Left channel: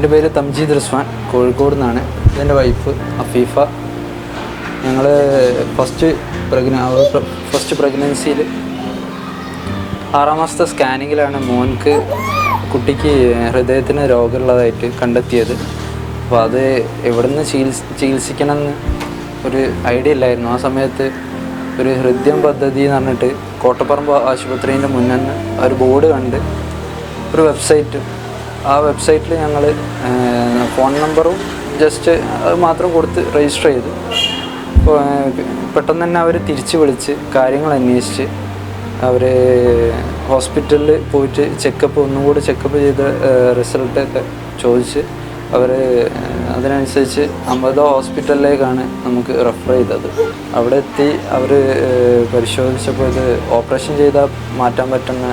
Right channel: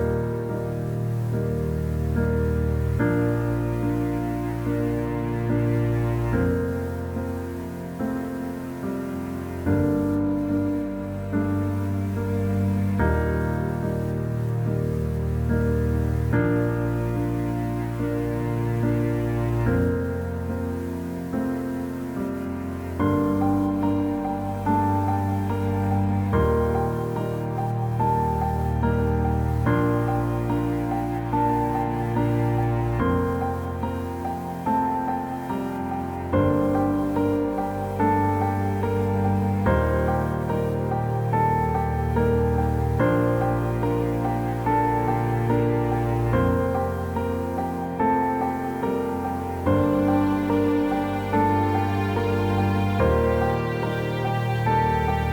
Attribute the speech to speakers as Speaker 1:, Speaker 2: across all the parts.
Speaker 1: എന്റെ പേര് തംജീദ് റിസ്വാൻ കോഴിക്കോട് നിന്നാണ്. ഇതെന്റെ വൈഫ് അഫീഫ. ഞങ്ങൾ ഫസ്റ്റ് പ്രഗ്ന ഫസ്റ്റ് പ്രഗ്നൻസിയിൽ ആറാം മാസത്തെ സ്കാനിങ്ങിലാണ് മോൻക്ക് കുട്ടിക്ക് ഹൃദയത്തിന് രോഗമുള്ളതായിട്ട് കണ്ടെത്തിയത്. അപ്പോൾ അത് എവിടുന്ന് ചികിത്സ ചികിത്സിക്കണമെന്ന് ഒരു ഐഡിയ ഇല്ലായിരുന്നു. ആ സമയത്ത് ഒരു ഹൃദയം പദ്ധതി എന്ന് പറഞ്ഞിട്ട് കോട്ടപ്പറമ്പ് ആശുപത്രീന്റെ മുന്നേ ഒരു ബോർഡ് കണ്ട് ഒരു വെബ്സൈറ്റ് ആ വെബ്സൈറ്റിൽ ഞങ്ങൾ ഫോൺ നമ്പറും ജസ്റ്റ് അത് മാത്രം കൊടുത്ത് രജിസ്റ്റർ ചെയ്തു. പെട്ടെന്ന് തന്നെ അവർ തിരിച്ച് വിളിച്ച് കാര്യങ്ങൾ അന്വേഷിച്ച് അവർ ഹോസ്പിറ്റലിൽ പോയിട്ട് ചെക്കപ്പ് ഒന്നും കൂടി ചെക്കപ്പ് ചെയ്ത റിസൾട്ടൊക്കെ ചോദിച്ച് അവർ അതിനനുസരിച്ച് അമൃത ഹോസ്പിറ്റലിലേക്കാണ് നമുക്ക് റെഫർ ചെയ്തത്. അവിടെ എത്തി അവർ പരിശോധിച്ചപ്പോൾ ഇത് ഓപ്പറേഷൻ ചെയ്താൽ മാറ്റാൻ പറ്റുന്ന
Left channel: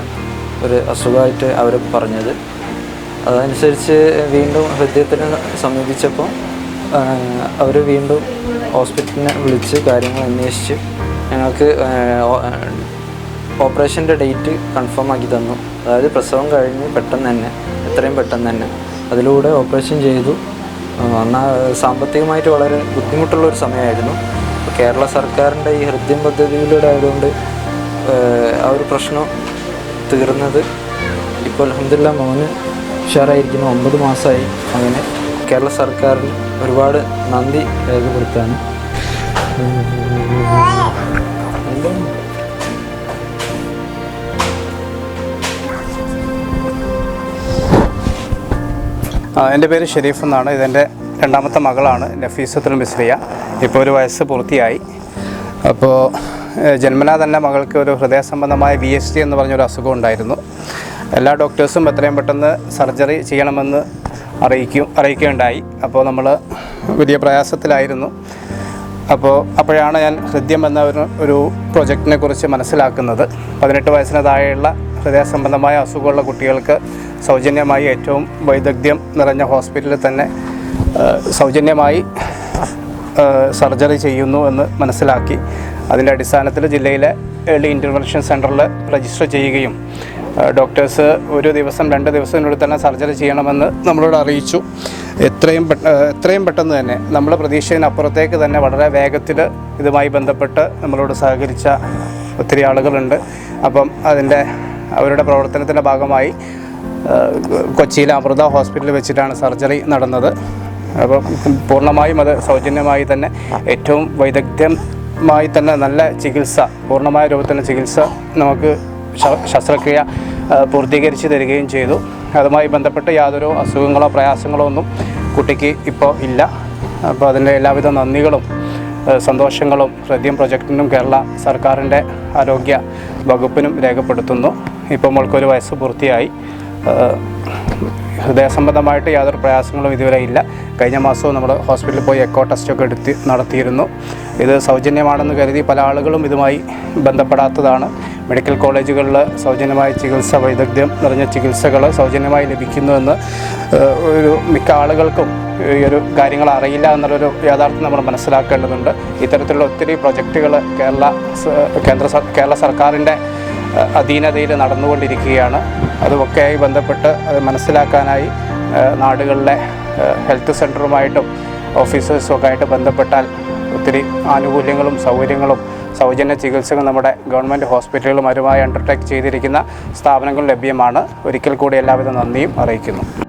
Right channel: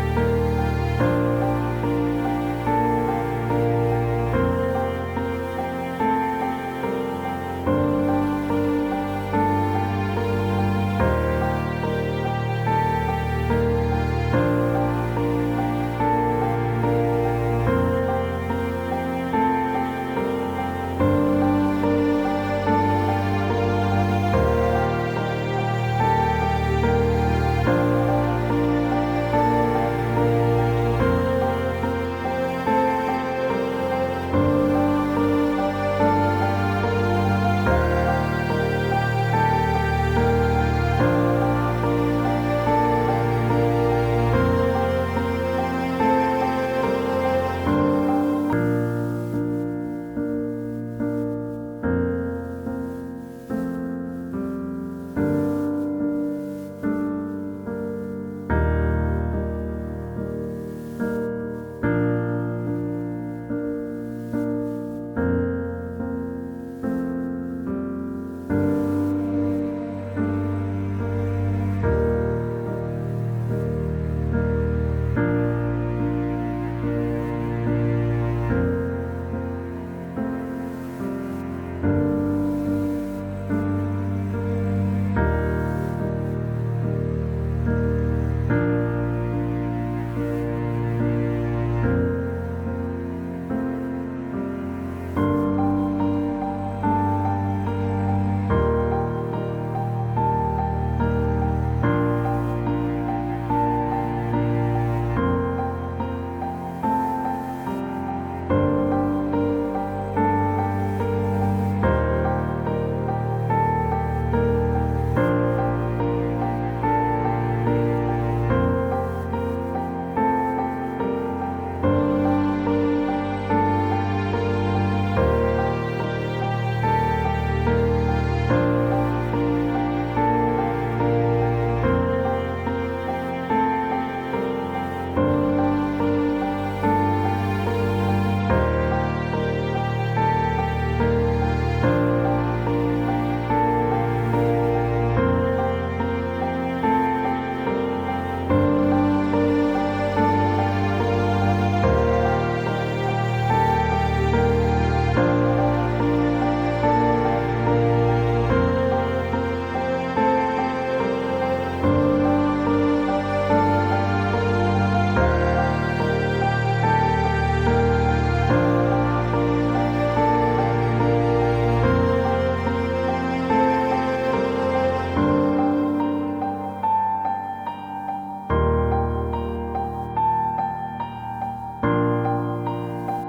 Speaker 1: ഒരു അസുഖമായിട്ട് അവർ പറഞ്ഞത്. അതനുസരിച്ച് വീണ്ടും ഹൃദയത്തിന് സമീപിച്ചപ്പോൾ അവർ വീണ്ടും ഹോസ്പിറ്റലിനെ വിളിച്ച് കാര്യങ്ങൾ അന്വേഷിച്ച് ഞങ്ങൾക്ക് ഓപ്പറേഷന്റെ ഡേറ്റ് കൺഫേം ആക്കി തന്നു. അതായത് പ്രസവം കഴിഞ്ഞ് പെട്ടെന്ന് തന്നെ എത്രയും പെട്ടെന്ന് തന്നെ. അതിലൂടെ ഓപ്പറേഷൻ ചെയ്തു. സാമ്പത്തികമായിട്ട് വളരെ ബുദ്ധിമുട്ടുള്ള ഒരു സമയമായിരുന്നു. കേരള സർക്കാരിന്റെ ഈ ഹൃദയം പദ്ധതിയിലൂടെ ആയതുകൊണ്ട് ആ ഒരു പ്രശ്നം തീർന്നത് ഇപ്പോൾ അഹമ്മദില്ല മോന് ഉഷാറായിരിക്കുന്നു. ഒമ്പത് മാസമായി അങ്ങനെ കേരള സർക്കാരിന് ഒരുപാട് നന്ദി രേഖപ്പെടുത്താണ്.
Speaker 2: എന്റെ പേര് ഷെരീഫ് എന്നാണ്. ഇതെന്റെ രണ്ടാമത്തെ മകളാണ്. നഫീസത്തുൽ മിസ്രിയ. ഇപ്പോൾ ഒരു വയസ്സ് പൂർത്തിയായി. അപ്പോൾ ജന്മനാ തന്നെ മകൾക്ക് ഒരു ഹൃദയ സംബന്ധമായ ബി എസ് ടി എന്ന് പറഞ്ഞൊരു അസുഖം ഉണ്ടായിരുന്നു. എല്ലാ ഡോക്ടേഴ്സും എത്രയും പെട്ടെന്ന് സർജറി ചെയ്യണമെന്ന് അറിയിക്കും അറിയിക്കുകയുണ്ടായി. അപ്പോൾ നമ്മൾ വലിയ പ്രയാസത്തിലായിരുന്നു. അപ്പോൾ അപ്പോഴാണ് ഞാൻ ഹൃദ്യം എന്ന ഒരു ഒരു പ്രൊജക്റ്റിനെ കുറിച്ച് മനസ്സിലാക്കുന്നത്. പതിനെട്ട് വയസ്സിന് താഴെയുള്ള ഹൃദയ സംബന്ധമായ അസുഖമുള്ള കുട്ടികൾക്ക് സൗജന്യമായി ഏറ്റവും വൈദഗ്ധ്യം നിറഞ്ഞ ഹോസ്പിറ്റലിൽ തന്നെ സൗജന്യമായി സർജറി ചെയ്യുന്നു എന്ന് മനസ്സിലാക്കി. അതിന്റെ അടിസ്ഥാനത്തിൽ ജില്ലയിലെ ഏർലി ഇന്റർവെൻഷൻ സെന്ററിൽ രജിസ്റ്റർ ചെയ്യുകയും ഡോക്ടേഴ്സ് ഒരു ദിവസം രണ്ട് ദിവസത്തിനുള്ളിൽ തന്നെ സർജറി ചെയ്യണമെന്ന് നമ്മളോട് അറിയിച്ചു. എത്രയും എത്രയും പെട്ടെന്ന് തന്നെ നമ്മുടെ പ്രതീക്ഷയിനപ്പുറത്തേക്ക് തന്നെ വളരെ വേഗത്തിൽ ഇതുമായി ബന്ധപ്പെട്ട് നമ്മളോട് സഹകരിച്ച ഒത്തിരി ആളുകളുണ്ട്. അപ്പം അതിന്റെ അവരുടെ പ്രവർത്തനത്തിന്റെ ഭാഗമായി കൊച്ചിയിലെ അമൃത ഹോസ്പിറ്റലിൽ വെച്ചിട്ടാണ് സർജറി നടന്നത്. അപ്പം പൂർണമായും അത് സൗജന്യമായി തന്നെ ഏറ്റവും വൈദഗ്ധ്യമായി തന്നെ നല്ല ചികിത്സ പൂർണമായ രൂപത്തിലുള്ള ചികിത്സ നമുക്ക് ശസ്ത്രക്രിയ പൂർത്തീകരിച്ച് തരികയും ചെയ്തു. അതുമായി ബന്ധപ്പെട്ട് യാതൊരു അസുഖങ്ങളോ പ്രയാസങ്ങളോ ഒന്നും കുട്ടിക്ക് ഇപ്പോൾ ഇല്ല. അപ്പോൾ അതിന്റെ എല്ലാവിധ നന്ദികളും സന്തോഷങ്ങളും ഹൃദയം പ്രൊജക്റ്റിനും കേരള സർക്കാരിന്റെ ആരോഗ്യ വകുപ്പിനും രേഖപ്പെടുത്തുന്നു. ഇപ്പോൾ മോൾക്കൊരു വയസ്സ് പൂർത്തിയായി. ഹൃദയ സംബന്ധമായിട്ട് യാതൊരു പ്രയാസങ്ങളും ഇതുവരെ ഇല്ല. കഴിഞ്ഞ മാസവും നമ്മൾ ഹോസ്പിറ്റലിൽ പോയി എക്കോ ടെസ്റ്റൊക്കെ എടുത്ത് നടത്തിയിരുന്നു. ഇത് സൗജന്യമാണെന്ന് കരുതി പല ആളുകളും ഇതുമായി ബന്ധപ്പെടാത്തതാണ്. മെഡിക്കൽ കോളേജുകളിൽ സൗജന്യമായ ചികിത്സ വൈദഗ്ധ്യം നിറഞ്ഞ ചികിത്സകൾ സൗജന്യമായി ലഭിക്കുന്നുവെന്ന് ഒരു മിക്ക ആളുകൾക്കും ഈ ഒരു കാര്യങ്ങൾ അറിയില്ല എന്നുള്ളൊരു യാഥാർത്ഥ്യം നമ്മൾ മനസ്സിലാക്കേണ്ടതുണ്ട്. ഇത്തരത്തിലുള്ള ഒത്തിരി പ്രൊജക്റ്റുകൾ കേരള കേന്ദ്ര കേരള സർക്കാരിന്റെ അധീനതയിൽ നടന്നുകൊണ്ടിരിക്കുകയാണ്. അതുമൊക്കെയായി ബന്ധപ്പെട്ട് അത് മനസ്സിലാക്കാനായി നാടുകളിലെ ഹെൽത്ത് സെന്ററുമായിട്ടും ഓഫീസേഴ്സും ഒക്കെ ആയിട്ട് ബന്ധപ്പെട്ടാൽ ഒത്തിരി ആനുകൂല്യങ്ങളും സൗകര്യങ്ങളും സൗജന്യ ചികിത്സകൾ നമ്മുടെ ഗവൺമെന്റ് ഹോസ്പിറ്റലുകളുമാരുമായി അണ്ടർടേക്ക് ചെയ്തിരിക്കുന്ന സ്ഥാപനങ്ങൾ ലഭ്യമാണ്. ഒരിക്കൽ കൂടി എല്ലാവിധ നന്ദിയും അറിയിക്കുന്നു.